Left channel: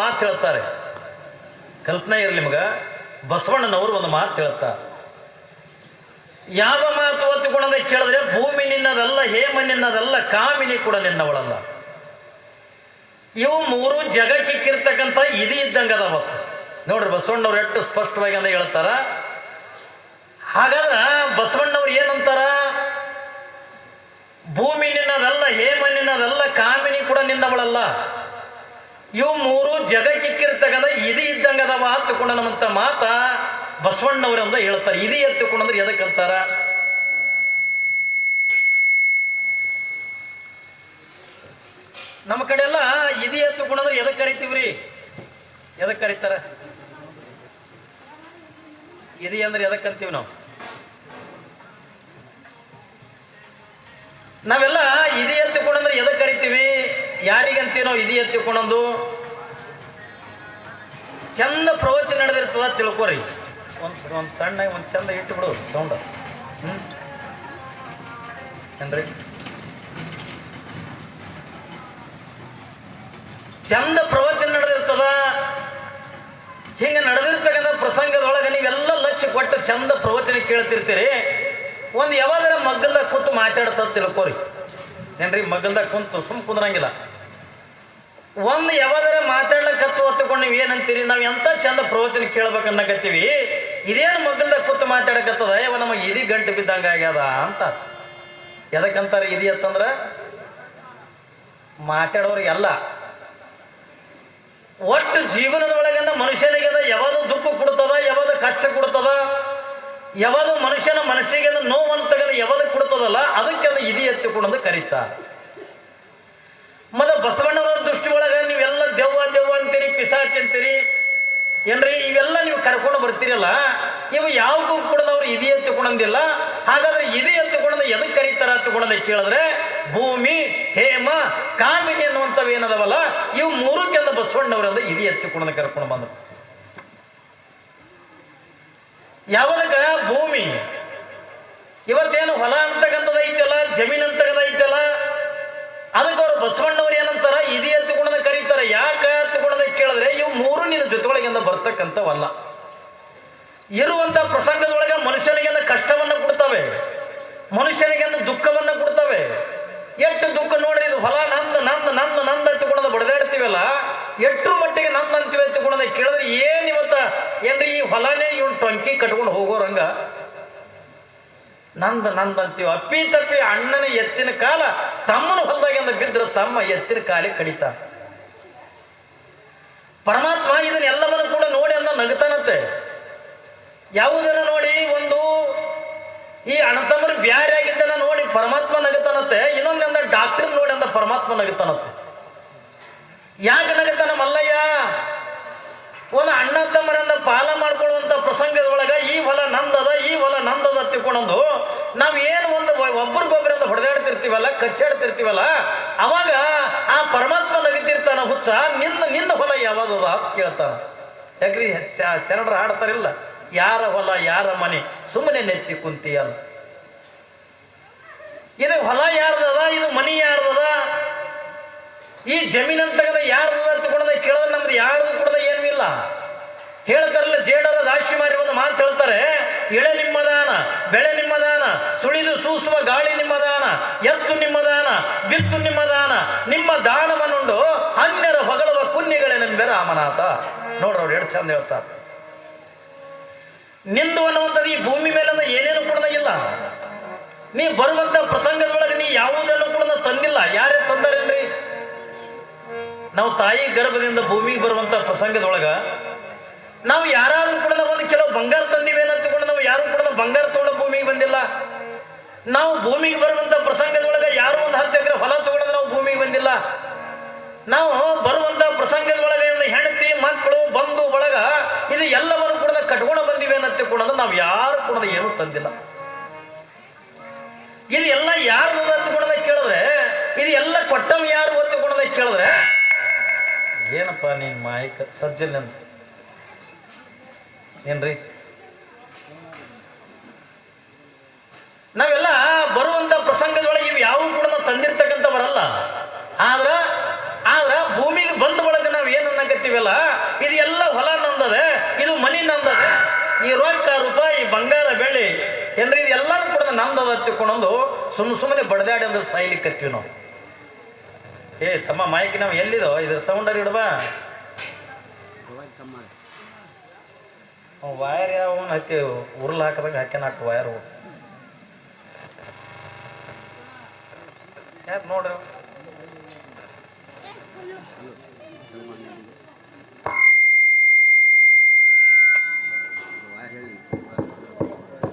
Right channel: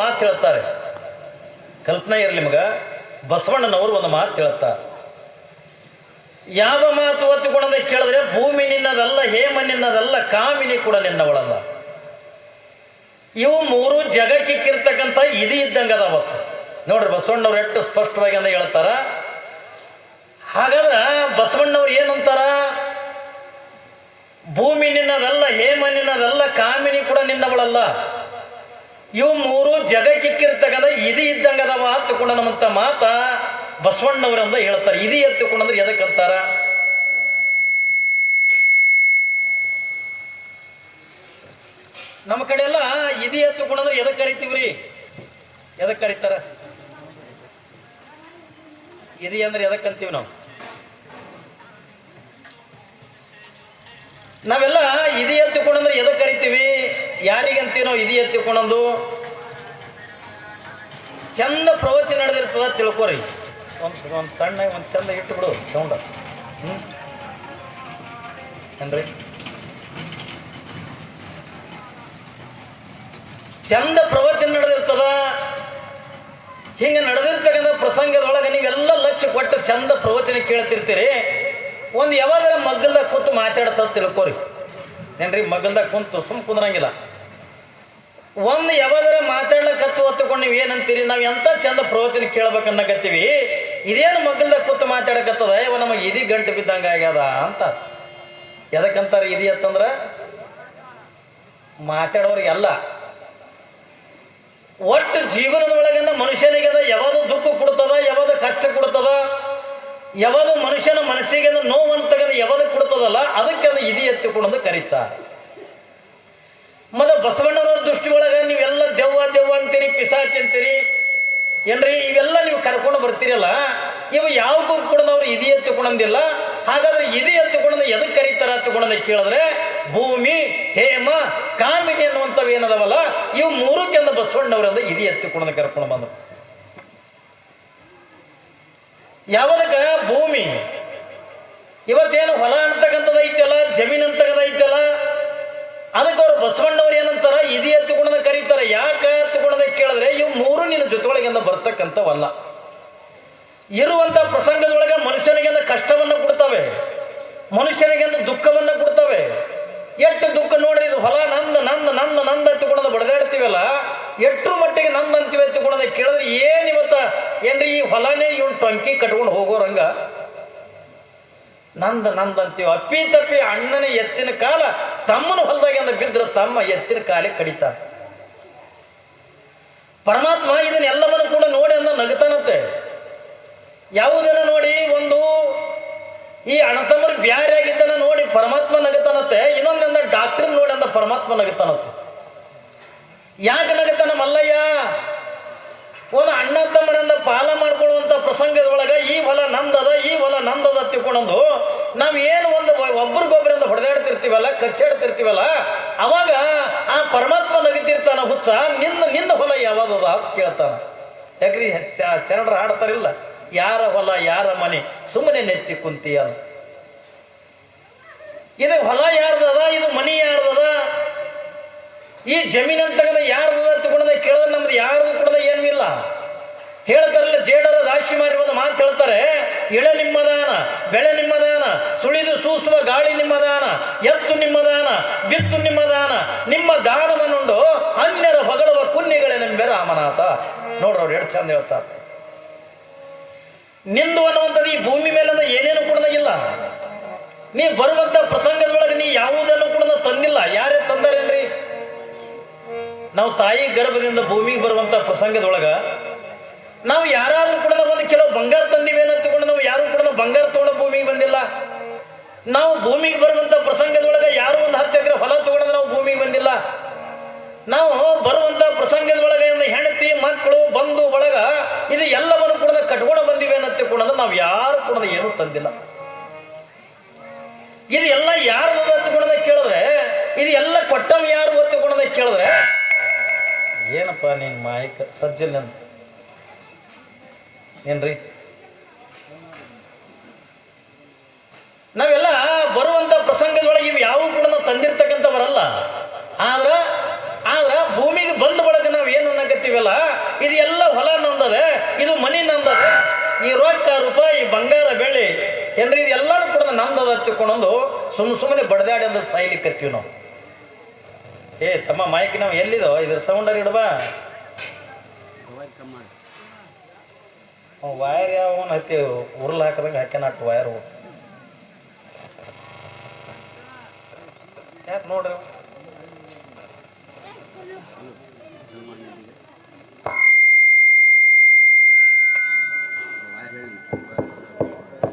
ಮಾತು ಹೇಳ್ತಾರೆ, ಕಲ್ಪನೆ ಇರಲಿ ನಿಮಗ. ಬಸವಣ್ಣನವರು ಒಂದು ಮಾತು ಹೇಳ್ತಾರೆ. ಯಾವ ಮಾತು ಹೊತ್ತುಕೊಂಡಂತೆ ಕೇಳಿದ್ರೆ, ಭೂಮಿ ನಿನ್ನದಲ್ಲ, ಹೇಮ ನಿನ್ನದಲ್ಲ, ಕಾಮಿನಿ ಕೂಡ ನಿನ್ನವಳಲ್ಲ. ಇವು ಮೂರು ಜಗಕ್ಕಿಕ್ಕಿರ್ತಕ್ಕಂಥ ಇದು ಇದ್ದಂಗೆ ಅದಾವ. ನೋಡ್ರಿ ಬಸವಣ್ಣವ್ರು ಎಷ್ಟು ಸ್ಪಷ್ಟವಾಗಿ ಅಂತ ಹೇಳ್ತಾರ. ಹಾಗಾದ್ರೆ ಬಸವಣ್ಣವ್ರು ಏನಂತಾರ? ಭೂಮಿ ನಿನ್ನದಲ್ಲ, ಹೇಮ ನಿನ್ನದಲ್ಲ, ಕಾಮಿನಿ ಕೂಡ ನಿನ್ನವಳಲ್ಲ. ಇವು ಮೂರು ಜಗಕ್ಕಿಕ್ಕಿರ್ತಕ್ಕಂಥ ಇದು ಇದ್ದಂಗೆ ಅದಾವ ಹತ್ತುಕೊಂಡ ನಮ್ಮಂತ ಮಾತ ಬಸವಣ್ಣವರಂದ ಹೇಳ್ತಾರೆ. ಇದು ಎತ್ತುಕೊಂಡ್ರೆ ಎದಕ್ಕಂತಾರ? ನಮ್ಮ ಕಡೆ ಎಲ್ಲ ಇದು ಎತ್ತುಕೊಂಡ್ರೆ ಎದಕ್ಕೆ ಕರಿತೀವ್ರಿ? ಎದಕ್ಕೆ ಕರೀತಾರ? ಇದು ಅಂದ್ರೆ ಎದಕ್ಕೆ ಕರಿತೀವಿ ನಾವು? ನಾವೆಲ್ಲ ಇದು ಎತ್ತುಕೊಂಡ್ರೆ ಎದಕ್ಕೆ ಕರಿತೀವಿ? ಯಾರಿಗಂತೀವಿ ನಾವು ಇದು ಎತ್ತುಕೊಂಡಂದು? ಚಂದ ಪ್ರವಚನ ನಡೆದಿರ್ತದ ತಿಳ್ಕೊರಿ. ಒಂದು ಸಣ್ಣ ಒಂದು ಚಂದ ಇಟ್ಟು ಬಿಡು ಸೌಂಡ. ಏನ್ರಿ ಚಂದ ಪ್ರವಚನ ನಡೆದಿರ್ತದ. ಹಿಂಗ ನಡೆದಿರ್ತಕ್ಕಂಥ ಪ್ರಸಂಗದೊಳಗೆ ನೀವೆಲ್ಲ ಲಕ್ಷ ಕೊಟ್ಟು ಚಂದ ಪ್ರವಚನ ಕೇಳ್ತಿರ್ತೀರಿ. ಒಂದು ಯಾವಾಗಾರ ಮಗ್ಗಲ್ದಾಗ ಕೂತು ಮಾತಾಡ್ತದ ತಿಳ್ಕೊರಿ. ಏನ್ರಿ ಮಗ್ಗಲ್ದಾಗ ಕುಂತು ಸುಮ್ ಕುಂದ್ರಂಗಿಲ್ಲ. ಒಂದು ಯಾವಾಗಾರ ಮಾತಾಡ್ಲಕ್ಕತ್ತು ಹೊತ್ತುಕೊಂಡು ನೀವು ಏನಂತೀರಿ? ನಾವು ಎಂತ ಚಂದ ಪ್ರವಚನ ಕೇಳ್ಬೇಕನ್ನಕತ್ತೀವಿ, ಇದೇನು ಮಗ್ಗಲ್ದಾಗ ಕೂತು ಮಾತಾಡಕತ್ತದ, ಇವ ನಮ್ಮ ಇದಿ ಗಂಟು ಬಿದ್ದಂಗ ಆಗ್ಯದ ಅಂತ. ಎದಕ್ಕಂತಾರೆ ಇದಿ ಅಂತಂದ್ರ? ಮಾತಾಡೋರಿಗೆಲ್ಲ ಒಟ್ಟು ಜೀವನದೊಳಗಿಂದ ಮನುಷ್ಯನಿಗೆ ಯಾವುದು ದುಃಖ ಕೊಡ್ತದ, ಯಾವುದು ಕಷ್ಟ ಕೊಡ್ತದ, ಯಾವುದು ಮನುಷ್ಯನ ಮನಸ್ಸಿಗೆ ನೋವಂತಗದ ಯಾವುದು ಕೊಡ್ತದಲ್ಲ, ಅದಕ್ಕೆ ಅದು ಇದಿ ಎತ್ತುಕೊಂಡು ಕರೀತಾರೆ. ಮತ್ತೆ ಬಸವಣ್ಣನವ್ರ ದೃಷ್ಟಿ ಒಳಗ ನೀವೆಲ್ಲ ದೆವ್ವ ದೆವ್ವ ಅಂತೀರಿ, ಪಿಸಾಚಿ ಅಂತೀರಿ, ಏನ್ರಿ ಇವೆಲ್ಲ ನೀವು ಕರ್ಕೊಂಡು ಬರ್ತೀರಲ್ಲ, ಇವು ಯಾವ್ದು ಕೂಡ ನಾವು ಇದಿ ಎತ್ತುಕೊಂಡಂದಿಲ್ಲ. ಹಾಗಾದ್ರೆ ಇದಿ ಎತ್ತುಕೊಂಡ ಎದಕ್ಕೆ ಕರೀತಾರ ಎತ್ತುಕೊಂಡ ಕೇಳಿದ್ರೆ, ಭೂಮಿ, ಹೇಮ, ಕಾಮಿನಿ ಅನ್ನುವಂಥವು ಏನದವಲ್ಲ, ಇವು ಮೂರಕ್ಕೆಂದು ಬಸವಣ್ಣವರಿಂದ ಇದಿ ಎತ್ತುಕೊಂಡ ಕರ್ಕೊಂಡು ಬಂದರು. ಯಾವದಕ್ಕ? ಭೂಮಿ. ಇವತ್ತೇನು ಹೊಲ ಅಂತಕ್ಕಂಥದ್ದು ಐತಲ್ಲ, ಜಮೀನ್ ಅಂತಕ್ಕಂಥ ಐತಲ್ಲ, ಅದಕ್ಕೆ ಅವ್ರು ಬಸವಣ್ಣವ್ರು ಏನಂತಾರ? ಇದಿ ಎತ್ತುಕೊಂಡ ಕರೀತಾರೆ. ಯಾಕೆ ಎತ್ತುಕೊಂಡ ಕೇಳಿದ್ರೆ, ಇವು ಮೂರು ನಿನ್ನ ಜೊತೆಗಳಿಂದ ಬರ್ತಕ್ಕಂಥವಲ್ಲ. ಇರುವಂತ ಪ್ರಸಂಗದೊಳಗೆ ಮನುಷ್ಯನಿಗೆ ಕಷ್ಟವನ್ನ ಕೊಡ್ತವೆ, ಮನುಷ್ಯನಿಗೆ ದುಃಖವನ್ನ ಕೊಡ್ತವೆ. ಎಷ್ಟು ದುಃಖ ನೋಡ್ರಿ, ಇದು ಹೊಲ ನಮ್ದು ನಮ್ದು ನಮ್ದು ನಮ್ದು ಎತ್ತುಕೊಂಡ ಬಡದಾಡ್ತೀವಲ್ಲ, ಎಷ್ಟರ ಮಟ್ಟಿಗೆ ನಮ್ದು ಅಂತೀವಿ ಎತ್ತುಕೊಂಡ ಕೇಳಿದ್ರೆ, ಏನ್ ಇವತ್ತ ಏನ್ರಿ ಈ ಹೊಲನೇ ಇವ್ನು ಟೊಂಕಿ ಕಟ್ಕೊಂಡು ಹೋಗೋರಂಗ ನಂದು ನಂದು ಅಂತೀವಿ. ಅಪ್ಪಿ ತಪ್ಪಿ ಅಣ್ಣನ ಎತ್ತಿನ ಕಾಲ ತಮ್ಮನ ಹೊಲದಾಗಿಂದ ಬಿದ್ದರೆ ತಮ್ಮ ಎತ್ತಿನ ಕಾಲಿಗೆ ಕಡಿತ. ಪರಮಾತ್ಮ ಇದನ್ನೆಲ್ಲವನ್ನು ಕೂಡ ನೋಡಿ ಅಂದ ನಗತಾನತ್ತೆ. ಯಾವುದನ್ನು ನೋಡಿ? ಒಂದು ಈ ಅಣ್ಣತಮ್ಮರು ಬ್ಯಾರೆ ಆಗಿದ್ದನ್ನ ನೋಡಿ ಪರಮಾತ್ಮ ನಗತಾನತ್ತೆ. ಇನ್ನೊಂದಂದ ಡಾಕ್ಟರ್ ನೋಡಿ ಅಂದ ಪರಮಾತ್ಮ ನಗತಾನತ್ತೆ. ಯಾಕೆ ನಗತಾನ ಮಲ್ಲಯ್ಯ? ಒಂದು ಅಣ್ಣ ತಮ್ಮರಿಂದ ಪಾಲ ಮಾಡ್ಕೊಳ್ಳುವಂತ ಪ್ರಸಂಗದೊಳಗ ಈ ಹೊಲ ನಂದದ, ಈ ಹೊಲ ನಂದದ ತಿಳ್ಕೊಂಡು ನಾವ್ ಏನು ಒಂದು ಒಬ್ರಿಗೊಬ್ಬರಿಂದ ಹೊಡೆದಾಡ್ತಿರ್ತೀವಲ್ಲ, ಕಚ್ಚಾಡ್ತಿರ್ತೀವಲ್ಲ, ಅವಾಗ ಆ ಪರಮಾತ್ಮ ನಗಿತಿರ್ತಾನ, ಹುಚ್ಚ ನಿನ್ನ ಹೊಲ ಯಾವ್ದದ ಅಂತ ಕೇಳ್ತಾನ. ಯಾಕ್ರಿ ಶರಣರು ಆಡ್ತಾರಿಲ್ಲ, ಯಾರ ಹೊಲ ಯಾರ ಮನೆ ಸುಮ್ಮನೆ ನೆಚ್ಚಿ ಕುಂತೀಯ. ಇದು ಹೊಲ ಯಾರ್ದದ, ಇದು ಮನಿ ಯಾರ್ದದ, ಈ ಜಮೀನ್ ಅಂತಕ್ಕಂಥ ಯಾರ್ದದ ತಗೊಂಡ ಕೇಳಿದ್ರೆ ನಮ್ದು ಯಾರ್ದು ಕೂಡ ಏನೂ ಇಲ್ಲ. ಹೇಳ್ತಾರಲ್ಲ, ಜೇಡರ ರಾಶಿ ಮಾರಿ ಒಂದು ಮಾತು ಹೇಳ್ತಾರೆ, ಎಳೆ ನಿಮ್ಮದಾನ, ಬೆಳೆ ನಿಮ್ಮದಾನ, ಸುಳಿದು ಸೂಸುವ ಗಾಳಿ ನಿಮ್ಮದಾನ, ಎತ್ತು ನಿಮ್ಮದಾನ, ಬಿತ್ತು ನಿಮ್ಮದಾನ, ನಿಮ್ಮ ದಾನವನ್ನುಂಡು ಅನ್ಯರ ಹೊಗಳುವ ಪುಣ್ಯಗಳೇನೆಂಬೆ ರಾಮನಾಥ. ನೋಡ್ರಿ ಅವ್ರು ಎಷ್ಟು ಚಂದ ಹೇಳ್ತಾರೆ. ನಿಂದು ಅನ್ನುವಂಥದ್ದು ಈ ಭೂಮಿ ಮೇಲೆ ಏನೇನು ಕೂಡ ಇಲ್ಲ. ನೀ ಬರುವಂತ ಪ್ರಸಂಗದೊಳಗೆ ನೀ ಯಾವುದನ್ನು ಕೂಡ ತಂದಿಲ್ಲ. ಯಾರೇ ತಂದಾರೇನ್ರಿ? ನಾವು ತಾಯಿ ಗರ್ಭದಿಂದ ಭೂಮಿಗೆ ಬರುವಂತ ಪ್ರಸಂಗದೊಳಗ ನಾವು ಯಾರಾದ್ರೂ ಕೂಡ ಒಂದು ಕೆಲವು ಬಂಗಾರ ತಂದಿವೇನ ತಗೊಂಡು ನಾವು ಯಾರು ಕೂಡ ಬಂಗಾರ ತಗೊಂಡು ಭೂಮಿಗೆ ಬಂದಿಲ್ಲ. ನಾವು ಭೂಮಿಗೆ ಬರುವಂತ ಪ್ರಸಂಗದೊಳಗ ಯಾರು ಒಂದು 10 ಎಕರೆ ಹೊಲ ತಗೊಂಡ್ರೆ ನಾವು ಭೂಮಿಗೆ ಬಂದಿಲ್ಲ. ನಾವು ಬರುವಂತ ಪ್ರಸಂಗದೊಳಗ ಹೆಂಡತಿ ಮಕ್ಕಳು ಬಂಧು ಬಳಗ ಇದು ಎಲ್ಲವನ್ನು ಕೂಡ ಕಟ್ಕೊಂಡು ಬಂದಿವೆ ಅನ್ನತ್ತೆ ಕೂಡ ನಾವು ಯಾರು ಕೂಡ ಏನು ತಂದಿಲ್ಲ. ಇದು ಎಲ್ಲ ಯಾರು ಒತ್ತುಕೊಂಡ ಕೇಳಿದ್ರೆ, ಇದು ಎಲ್ಲ ಕೊಟ್ಟಮ್ ಯಾರು ಒತ್ತುಕೊಂಡ ಕೇಳಿದ್ರೆ, ಏನಪ್ಪ ನೀನ್ ಮಾಯಕ ಸಜ್ಜನ್ ಅಂತ ಏನ್ರಿ? ನಾವೆಲ್ಲ ಬರುವಂತ ಪ್ರಸಂಗದೊಳಗೆ ಇವು ಯಾವ ಕೂಡ ನಾವು ತಂದಿರ್ತಕ್ಕಂಥವರಲ್ಲ. ಆದ್ರ ಭೂಮಿಗೆ ಬಂದ ಒಳಗೆ ನಾವು ಏನ್ ಅನ್ನಕತ್ತೀವಿ ಬರ್ತಾವಿಲ್ಲ, ಇದು ಎಲ್ಲ ಹೊಲ ನಂದದೆ, ಇದು ಮನಿ ನಂದದೆ, ಈ ರೊಕ್ಕ ರೂಪಾಯಿ ಬಂಗಾರ ಬೆಳ್ಳಿ ಏನ್ರಿ ಇದು ಎಲ್ಲಾನು ಕೂಡ ನಂದದ ಹಚ್ಚಿಕೊಂಡು ಸುಮ್ಮನೆ ಬಡದಾಡಿ ಅಂದ್ರೆ ಸಾಯ್ಲಿಕ್ಕತ್ತೀವಿ ನಾವು. ಏ ತಮ್ಮ ಮಾಯಕಿ ನಾವು ಎಲ್ಲಿದೋ ಇದ್ರ ಸೌಂಡರ್ ಇಡ್ಬಾ. ವಯರ್ ಯಾವನ್ ಹತ್ತಿ ಉರ್ಲ್ ಹಾಕದಾಗ ಹಾಕ್ಯಾನಾಕ ವಯರ್ ಯಾಕೆ ನೋಡ್ರಿ